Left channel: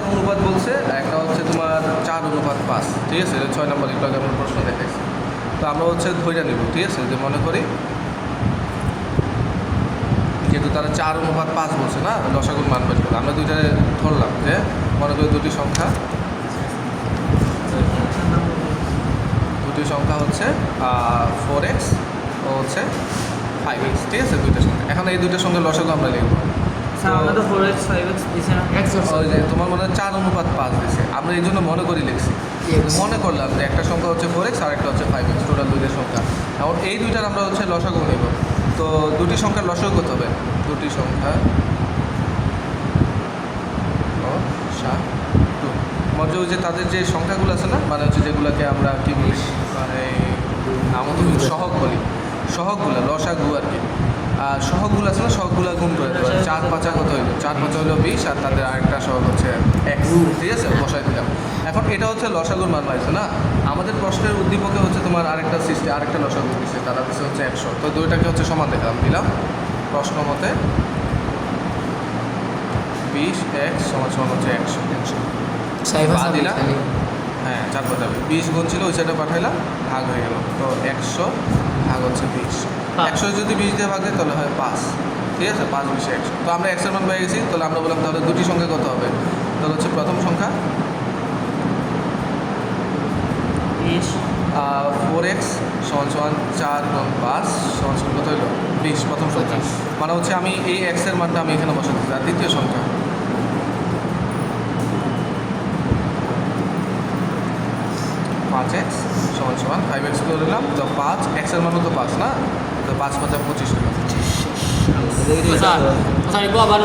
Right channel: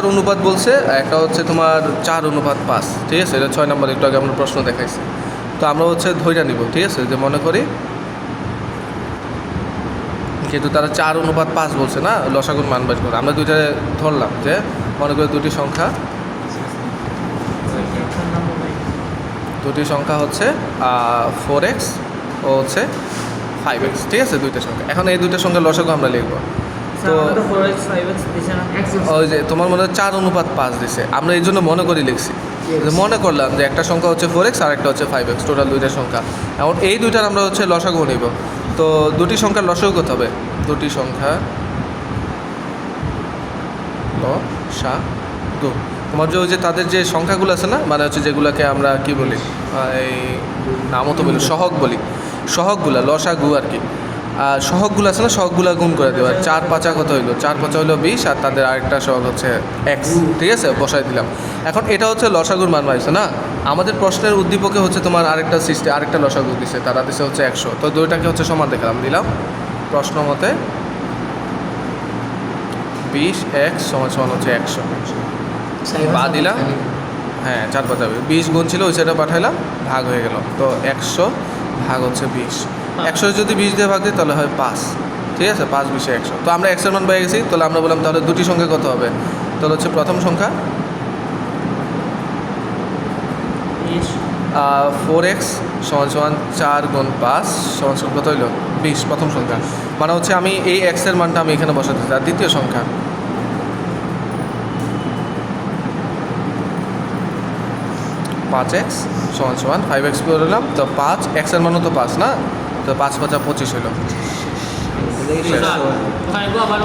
সংখ্যার অনুপাত বলছে, একটা হচ্ছে তোমার চার অনুপাত পাঁচ ঠিক আছে? এটা ছয় নম্বর, একটু আগে আমি প্রশ্ন দেখাইছি। তো আমরা হচ্ছে ধৈর্য নিব, ঠিক আছে? যে মনে করি, কিন্তু তারা চার অনুপাত পাঁচ বলছে না, লসাগুন মান বের করে। আমরা দুইটা ধরলাম, যে মনে করি দুটি সংখ্যা দুটি সংখ্যা হচ্ছে ফোর এক্স ও হচ্ছে ফাইভ এক্স ঠিক আছে? দুইটা সংখ্যা। এখন এই দুইটার সঙ্গে লসাগু আমরা লিখব। যে তোমার মনে হয় চার অনুপাত পাঁচ দিছে। আমরা এই জন্য মনে করি লিখছি। মনে করলাম যে একটা সংখ্যা হচ্ছে ফোর এক্স আর একটা হচ্ছে ফাইভ এক্স টোটাল দুইটা সংখ্যা। এখন এই দুইটার আমরা হচ্ছে লসাগু নিব। তো দুটি সংখ্যার লসাগু কত হবে? দুটি সংখ্যা লসাগু তোমার যে ওই যে তাদের যে সংখ্যাগুলো আছে না মানে হচ্ছে যেগুলোকে আমরা কি বলি? এই নামও তো বলি সহগ বলি। সহগগুলো লসাগু আর কি। আর সহগগুলো আছে না? সহগগুলো গুণ করে দেবো চার পাঁচা কত হইল? চার পাঁচা হইল বিশ আর তাদের আরেকটা সহগ হচ্ছে এক্স ঠিক আছে? বসাই দিলাম। এখন এটা হচ্ছে লসাগুর মান পাইছে না? আমাদের প্রশ্নের উদ্দীপকে হচ্ছে তোমার আরেকটা সিস্টেম আরেকটা লসাগু দিছে। তারা দিছে হচ্ছে একশো। তো দুইটাকে হচ্ছে সমান দেখালাম দিলাম। প্রশ্ন মতে বিশ এক্স সমান সমান হচ্ছে একশো। বা দিলাম। হ্যাঁ চার কথা বিশ গুণ ছিল ওই সাইডে পাঠাইলাম। ভাগ হয়ে গেল। তো একশো ভাগ হচ্ছে বিশ। একশো যদি বিশ দিয়ে ভাগ দিই তাহলে হয় পাঁচ। ঠিক আছে? পাঁচ বিশে একশো। তো আমরা একশোর মান পেয়ে গেছি তাহলে আমরা বললাম তাহলে দুটি সংখ্যা কত হবে? তাহলে হচ্ছে প্রথম সংখ্যা ফোর এক্স সমান সমান চার গুণ পাঁচ সমান সমান কত হইল? বিশ প্রথম সংখ্যা। মানে হচ্ছে আমি এই এক্সের মানটা আমি এখানে বসাতে চাই দ্বিতীয় সংখ্যা পাঁচ এক্স সমান সমান ফাইভ এক্স করে দিলাম তো পাঁচ এক্সের মানও তো পাঁচ না? তো পাঁচ পাঁচা পঁচিশ আবার